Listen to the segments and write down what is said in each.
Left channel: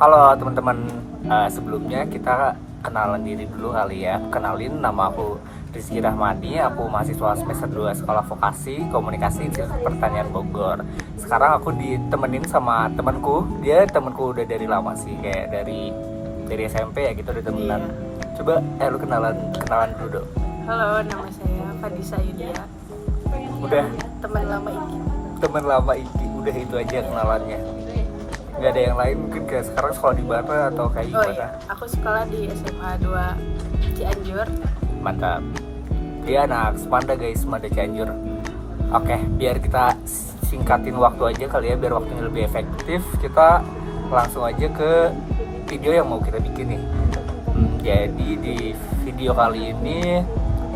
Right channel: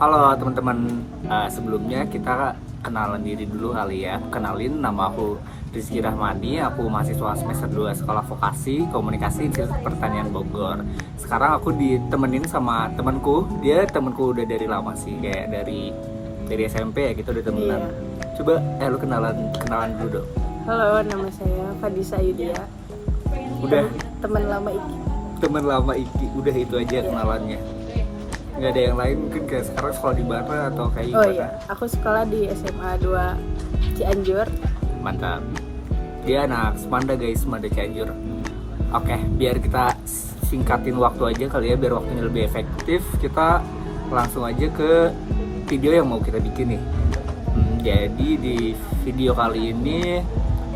Halo teman-teman, sebelumnya kita kenalan diri dulu kali ya. Kenalin, nama aku Rizky Rahmani, aku mahasiswa semester 2 Sekolah Vokasi Komunikasi Institut Pertanian Bogor. Sekarang aku ditemenin sama temanku, dia temanku udah dari lama sih, kayak dari SMP ya, gitu udah temenan. Iya. Coba lu kenalan dulu dong. Halo, nama saya Fadisa Yudia. Udah Teman lama Iki. teman lama udah itu aja kenalannya. Nggak ada yang lain mungkin, kayak sekarang sekolah di mana atau kayak Oh gimana? iya, aku sekolah di SMA 2 Cianjur. Mantap. Dia anak Semanda guys, Semanda Cianjur. Oke, biar kita singkatin waktu aja kali ya, biar waktunya lebih efektif. Kita langsung aja ke video yang mau kita bikin nih. Jadi di video kali ini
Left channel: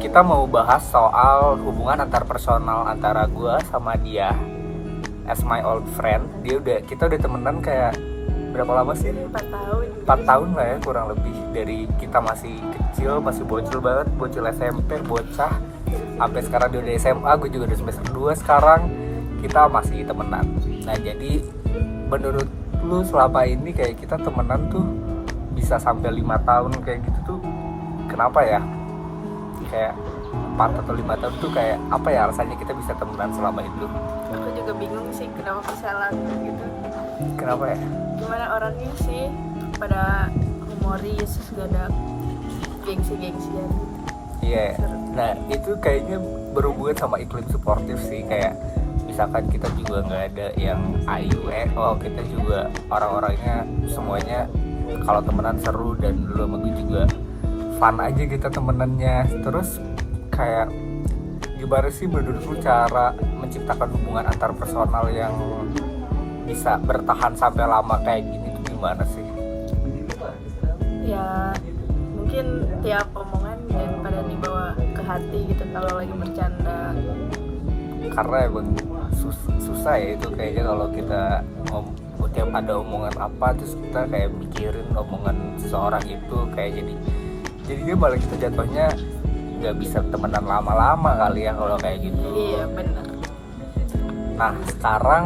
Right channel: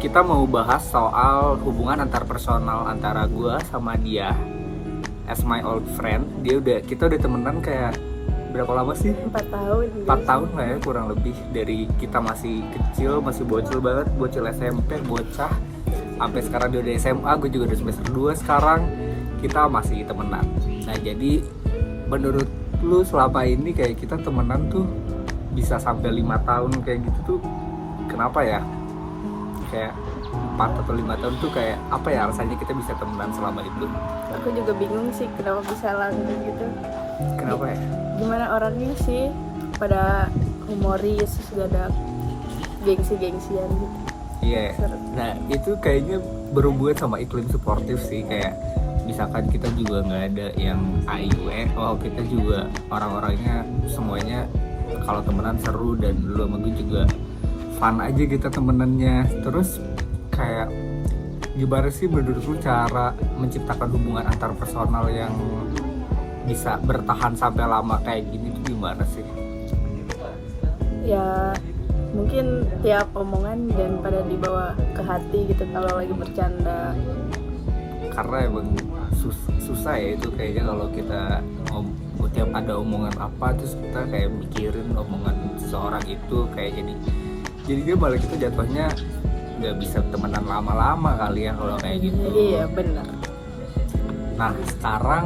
kita mau bahas soal hubungan antar personal antara gue sama dia. As my old friend, kita udah temenan kayak berapa lama sih? 4 tahun. 4 tahun lah ya kurang lebih, dari kita masih kecil, masih bocil banget, bocil SMP, bocah, sampai sekarang dia udah SMA, gue juga udah semester 2 sekarang, kita masih temenan. Nah jadi menurut lu selama ini kayak kita temenan tuh bisa sampai 5 tahun kayak gitu tuh kenapa ya? Kayak 4 atau 5 tahun tuh kayak apa ya alasannya kita bisa temenan selama itu? Aku juga bingung sih kenapa bisa langgeng gitu. Kenapa ya? Gimana orangnya sih, pada humoris, juga ada gengsi-gengsian gitu. Iya, Seru. nah itu kayaknya berhubungan sama iklim suportif sih. Kayak misalkan kita juga nggak ada yang oh kita juga orang-orangnya semuanya kalau temenan seru, dan dulu sama gue juga fun aja kita temenannya. Terus kayak gimana sih menurut lu cara menciptakan hubungan antar personal yang bisa bertahan sampai lama kayak gini tuh gimana sih? Ya mungkin tiap omongan dan pada dibawa ke hati gitu kalau lagi bercanda. Karena emang susah ya itu kayaknya kalau kita tiap ada omongan apa terus kita kayak mikirin omongan seseorang itu, kayak jadinya malah kita jatuhnya nggak bisa temenan lama-lama kali ya kalau kayak gitu. Iya benar. Nah sekarang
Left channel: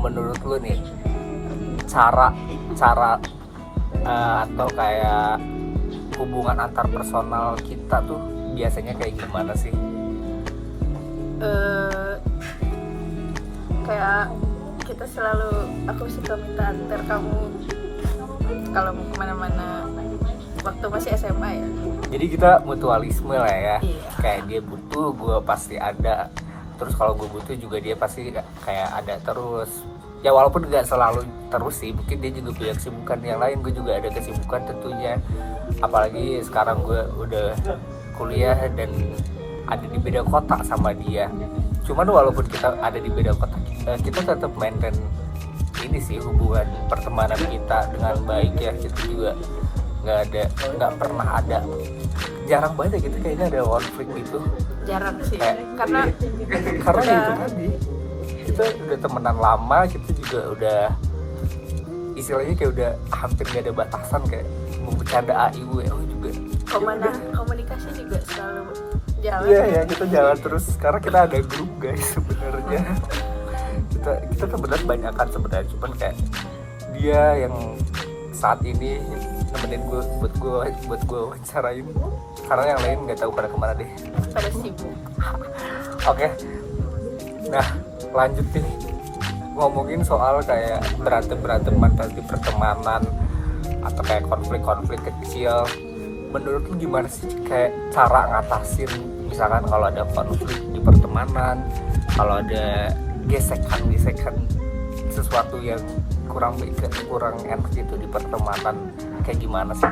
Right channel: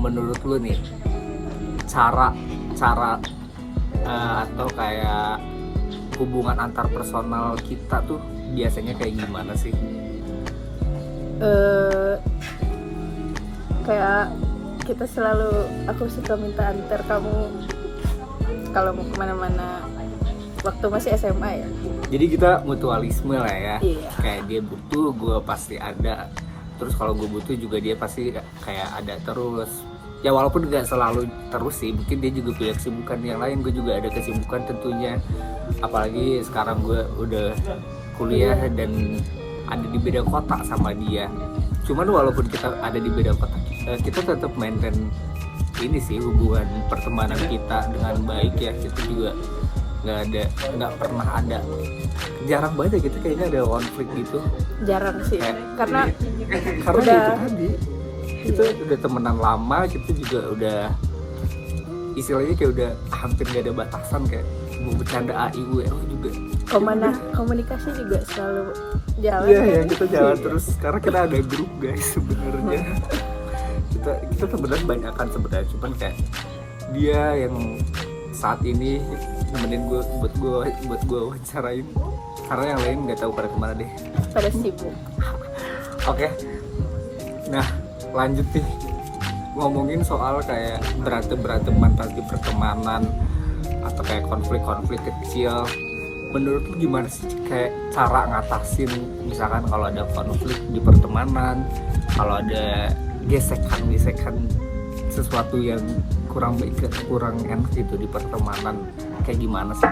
menurut lu nih cara atau kayak hubungan antar personal kita tuh biasanya kayak gimana sih? Kayak kita selalu, aku suka minta antar kamu kalau mau kemana-mana waktu masih SMA ya. Jadi kita mutualisme lah ya. Iya. Kayak dia butuh, gue pasti ada. Terus kalau gue butuh juga dia pasti kayak ada terus. Ya walaupun nggak selalu terus sih, mungkin dia juga punya kesibukan yang lain, gue juga ada kesibukan tentunya. Apalagi sekarang gue udah kuliah dan ada di beda kota sama dia. Cuman walaupun kita ada di beda kota, kita tetap maintain ini sih hubungan pertemanan kita dengan baik ya. Kita juga nggak pernah ada, jarang banget ya gitu kayaknya ada konflik gitu. Jarang sih, karena Karena udah, itu tadi kita udah temenan lama, kita juga udah istilahnya kayak udah hampir gak ada batasan, kayak mau bercanda AIW juga. komunikasi juga selalu jalan. Iya ya, kita jalan terus. Sekarang kita ada grup guys sebenarnya. kita temenan banyak kan sebenarnya, cuman kayak dia yang saat ini nemenin gue buat gue wawancarain, karena yang lain nggak tahu pada kemana deh, Pada sibuk. Oke. Nah lanjut nih, ngomongin soal kayak berantem tadi pertemanan atau kayak konflik kecil. Menurut lu gimana sih kayak cara ngatasin misalkan kalau ada konflik di pertemanan, kalau ada gesekan sesuatu yang kurang enak gitu di pertemanan, kayak gimana sih?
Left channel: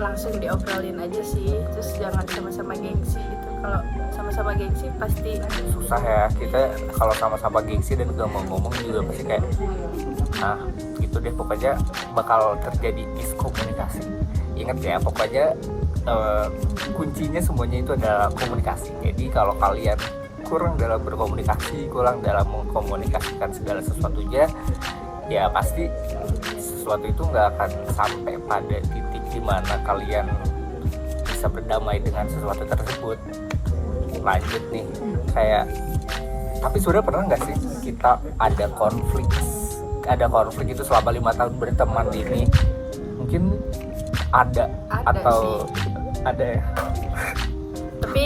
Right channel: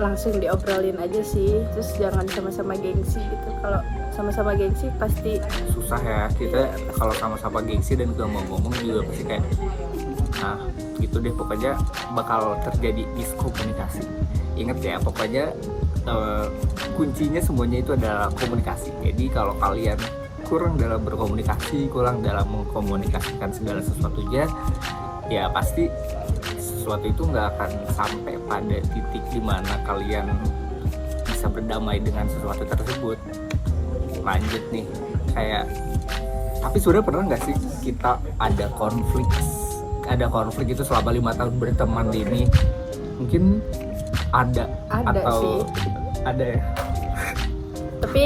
Langsung diobrolin aja sih, terus jangan sama-sama gengsi gitu. Kalau sama-sama gengsi pasti Susah ya, kita kalau sama-sama gengsi dan gak mau ngomong juga pasti kayak nah gitu deh, pokoknya bakal terjadi miskomunikasi. Ingat ya, pokoknya kuncinya semuanya itu adalah komunikasi. Jadi kalau kalian kurang dalam berkomunikasi, kurang dalam mengkomunikasikan segala sesuatunya, ya pasti sesuatu itu nggak akan sampai pada titik dimana kalian bisa berdamai dengan sesuatu tersebut. Lanjut nih, kayak tapi sudah pernah nggak sih kita ada konflik ada konflik itu selama 5 tahun berteman ini? Mungkin ada atau sih. Ada ya? Tapi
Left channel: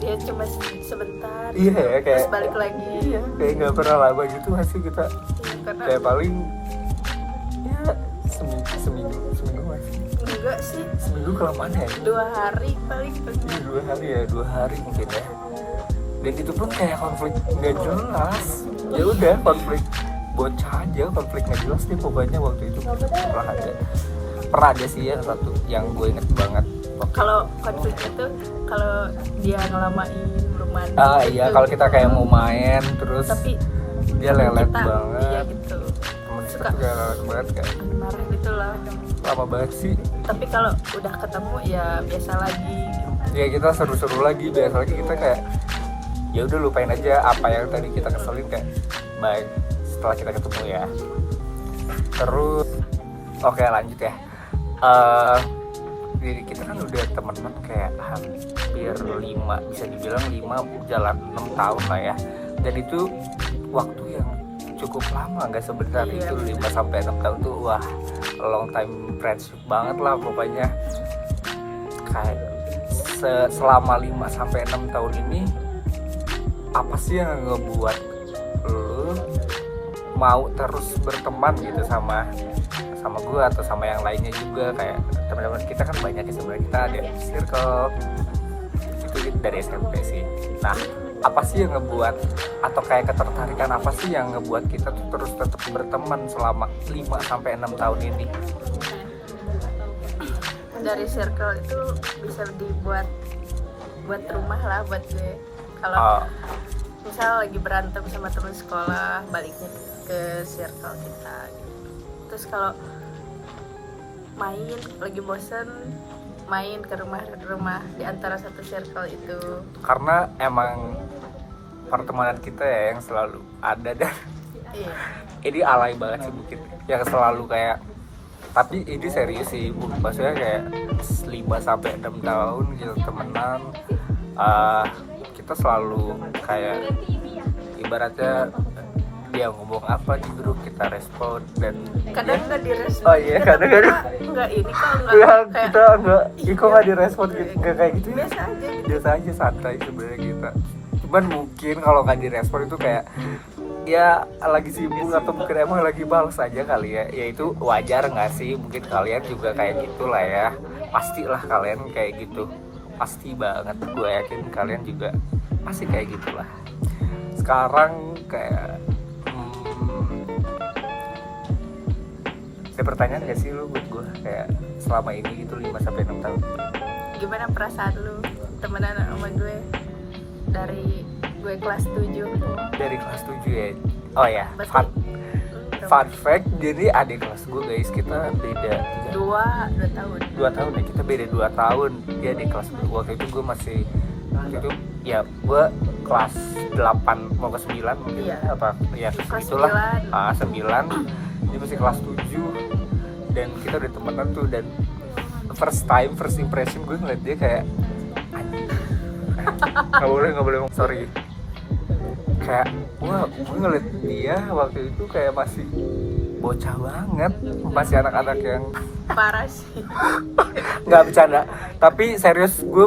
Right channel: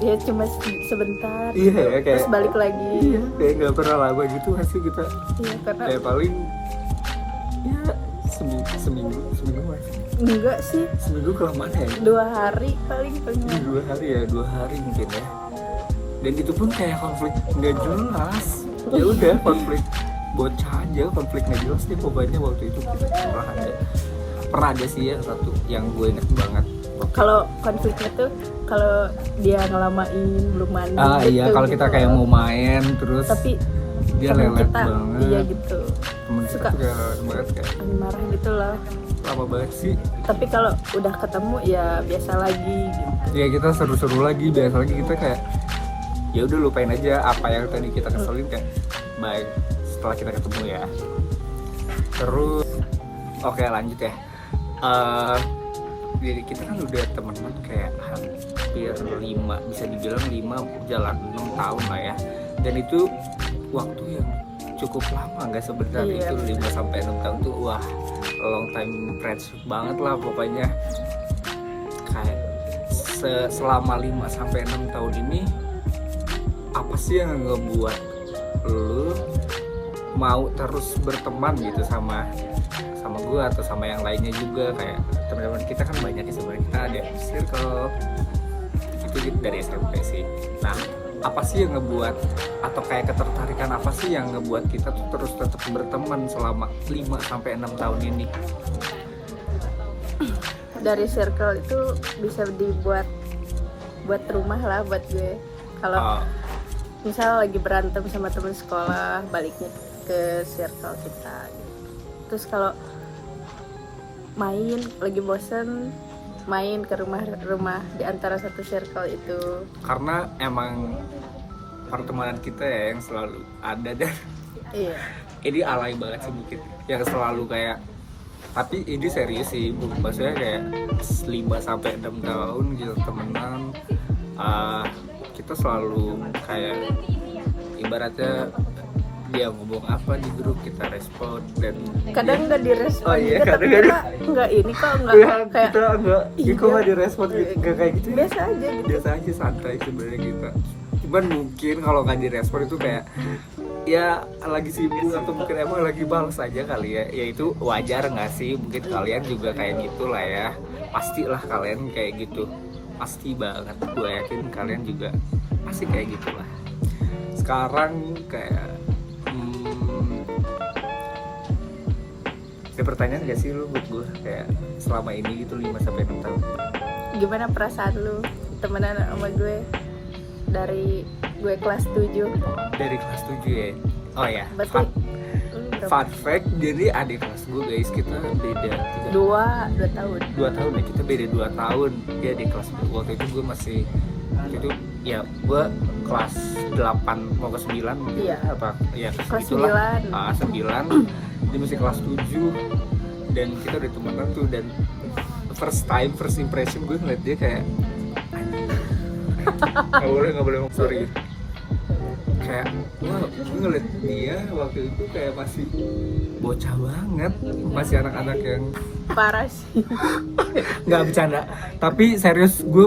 ya cuma sebentar Iya gitu. ya, kayak Terus balik lagi. kayak nggak pernah lama gitu nggak sih kita? Iya, karena Kayak paling ya seminggu mas. enggak sih, Seminggu kelamaan ya? 2 hari paling pengen. 2 hari ya, 2 hari mungkin ya. Dan itu pun kayak konflik nggak jelas. Ya udah konflik bocah aja, konflik nggak jelas nih pokoknya waktu itu pernah ada sih ya satu yang gue inget banget. Kalau konfliknya tuh kalau dia ngelamain belum mandi gitu, Iya, kalau kita kayak mau main terus tapi dia temen lelet kita, banget. iya gitu, Temen kita suka tuh kayak lelet banget kayak marah gitu lah. lama banget sih. Tapi kalau udah ketemu ya biasa lagi gitu. Ya kita seru-seru lagi, biasa lagi kita kayak ya udah lupain aja apa yang tadi kita keselin kayak baik setelah kita ketemu ya. Terus oke lanjut ya. Jadi kita kan udah temenan kayak hampir 5, bisa dibilang 5 jalan 6 tahun lah ya. Dan itu waktu yang cukup lama, nggak sebentar. Iya. Itu 5 sampai 6 tahun tuh wah long time friendship banget lah pokoknya. Kayak selama 5 sampai 6 tahun ini apa sih yang ngebuat lu mau terus berteman gitu sama gue atau sama yang lainnya juga, kayak teman-teman kita kan banyak ya sebenarnya, kita ada circle itu dari SMP sih. Nah, apa sih yang ngebuat atau kayak ketertarikan apa sih yang ngebuat kita tuh terus tetap berteman selama 5 sampai 6 tahun ini? Dari circle itu bisa buat rumah lah buat gue. Kalau misal lagi berantem sama teman sekolah, baliknya ke circle kita gitu. Terus kalau main lagi bosen, main ke rumah di antara satu circle itu. Karena emang pertemanan kita ya yang selalu ada dan Iya. ini alay banget sih mungkin yang selalu kayak, tapi ini serius sih maksudnya kayak 5 sampai 6 tahun gitu temenan, kita selalu kayak ibaratnya dia ngomong apa di grup kita respon dan Kadang nggak direspon. Oh iya, juga, tapi kadang- kita nggak ini kok nggak kayak kita enggak iya. kok nggak direspon gitu, nggak kayak gitu, biasa aja gitu. biasa aja santai sebenarnya kita. Cuman mungkin kalau nggak direspon itu kayak ya lagi sibuk atau mungkin emang lagi balas aja kali ya. Ya itu wajar nggak sih, mungkin kalian juga kayak gitulah ya, pastilah kalian kayak gitu, pasti banget, gue yakin kalian juga pasti kayak gitulah. Sekarang kayak ada pertanyaan gak sih lu buat gue kayak selama ini gitu 5 sampai 6 tahun? Gimana perasaan lu temenan sama gue dari gue kelas 7? Dari kelas 7 ya? Oh ya, Berarti fun fact, jadi adik kelas gue guys, kita beda 2 tahun. 2 tahun ya, kita beda 2 tahun. Dia di kelas waktu itu gue masih itu ya gue kelas 8 mau ke 9 mungkin. Iya. Apa ya Kelas itulah. 9. 9 dia masih kelas 7 dan kita udah temenan tuh, dan first impression gue ngeliat dia kayak nggak boleh ngomong sorry, kayak gue ngeliat dia waktu itu kayak masih bocah banget, masih anak-anak yang Parah sih. nggak bercanda, tapi serius gue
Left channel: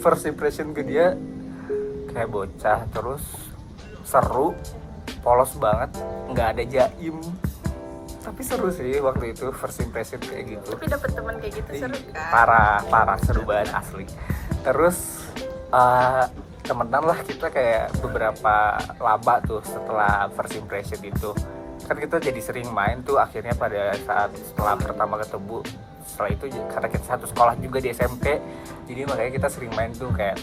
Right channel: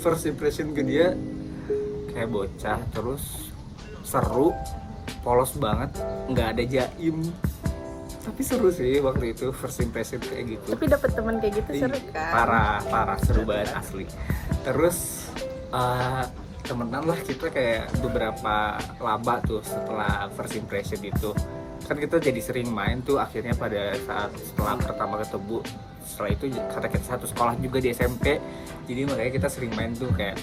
first impression ke dia kayak bocah, terus seru, polos banget, nggak ada jaim, tapi seru sih waktu itu first impression kayak gitu. Tapi dapet teman kayak gitu seru kan? Parah seru banget asli. Terus temenan lah kita kayak beberapa lama tuh setelah first impression itu, kan kita jadi sering main tuh akhirnya pada saat setelah pertama ketemu. Setelah itu karena kita satu sekolah juga di SMP, jadi makanya kita sering main tuh kayak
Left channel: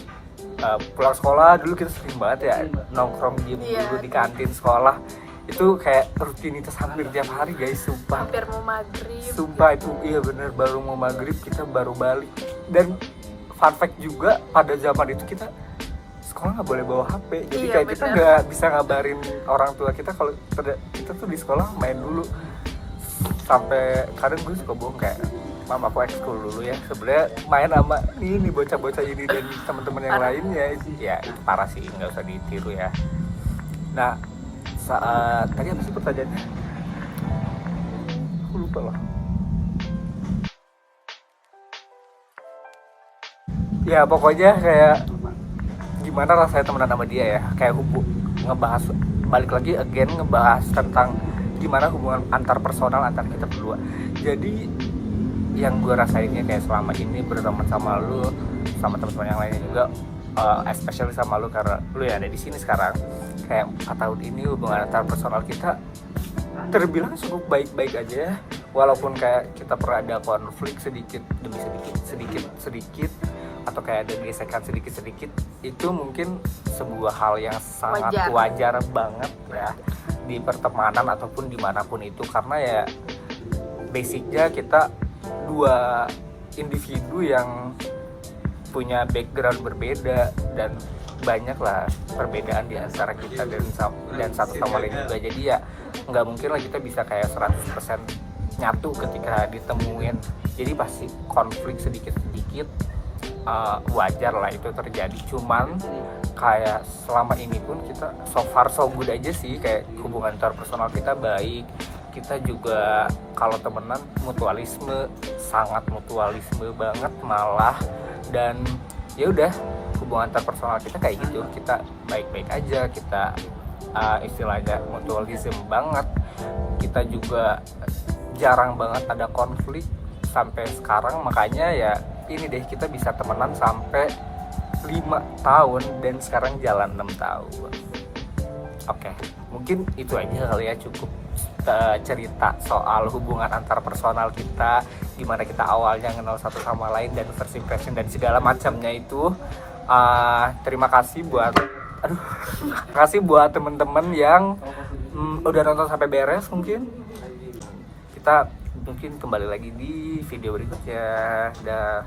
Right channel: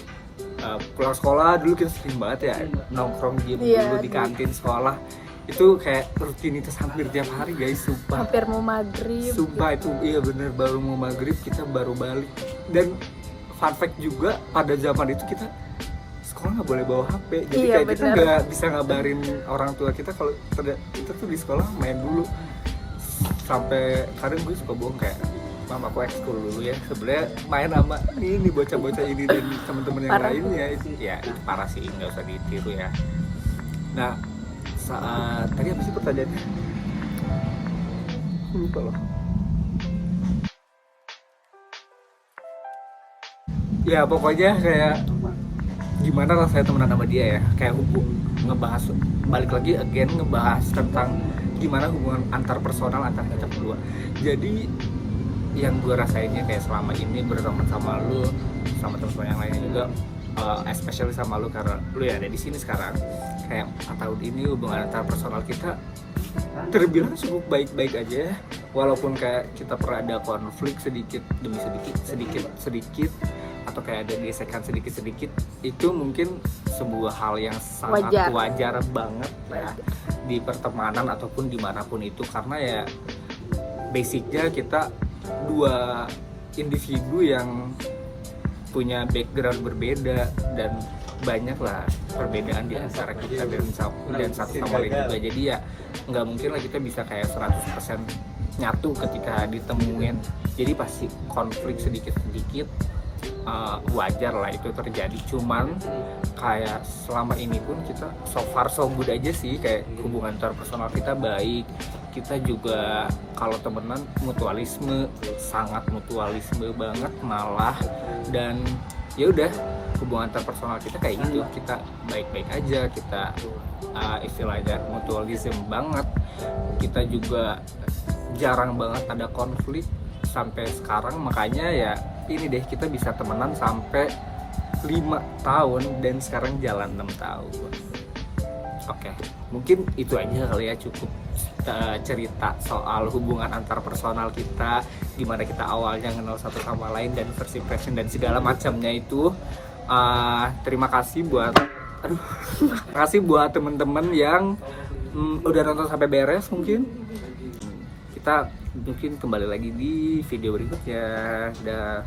pulang sekolah dulu kita sering banget ya nongkrong dulu di kantin sekolah. Itu kayak rutinitas hampir tiap hari guys, sumpah. Hampir mau maghrib. Sumpah itu iya bener, baru mau maghrib kita baru balik. Dan fun fact juga pada zaman itu kita sekolah nggak boleh bawa HP, jadi iya, kayak kita nggak bisa ngabarin orang tua kita kalau kita tuh di sekolah main dulu. Sampai kadang gue suka bohong kayak, "Mam, aku ekskul dulu ya." Sebenarnya main sama ini bocah-bocah ini dan teman-teman yang lainnya. Ya itu parah sih, nggak usah ditiru ya. Nah saat tadi apa sih pertanyaannya? Aku lupa lah. Ya pokoknya kayak gimana rasanya temenan sama dia ya, kayak ngebahas balik lagi again ngebahas tentang gimana hubungan antar personal antar kita berdua. Jadi yang gue rasainnya kayak selama ini berteman sama lu, sama teman-teman yang lainnya juga, especially sama lu karena lu ya ada di sini sekarang. Kayak 4 tahun ini hubungan antar personal kita terbilang cukup baik-baik aja ya. Walaupun kayak kita pernah ada konflik sedikit demi sedikit atau kayak ada gesekan sedikit, itu mungkin sebuah hal yang sangat wajar banget ya di pertemanan ataupun dimanapun itu, karena ya basicnya kita dua individu yang punya background berbeda dan banyak lah perbedaan di antara kita dan satu sama lain juga. Jadi ya nggak mungkin lah kita bisa kayak 100% nyatu ketika ditemuin. Jadi pasti konflik sedikit-sedikit, wajar lah itu terjadi. Cuman kayak selama ini pun kita so far so good aja sih, kayak hubungan interpersonal kita baik. Kita juga kalau temenan sangat mutualisme banget malah. Dan ya udah, hubungan interpersonal kita kayak gitu, kita baik-baik aja, kita istilahnya mutualisme banget. Kita juga jarang banget ada konflik sampai sekarang, makanya ya ini deh, kita bisa temenan sampai 5 tahun dan sekarang jalan 6 tahun. Oke, mungkin itu aja kali ya, cukup cerita soal hubungan antar personal kita, gimana kita awalnya kenal satu sama lain dan first impression dan segala macamnya itu. Terima kasih buat temen-temen yang udah nonton sampai beres. Mungkin kita kembali lagi di video berikutnya. Dah.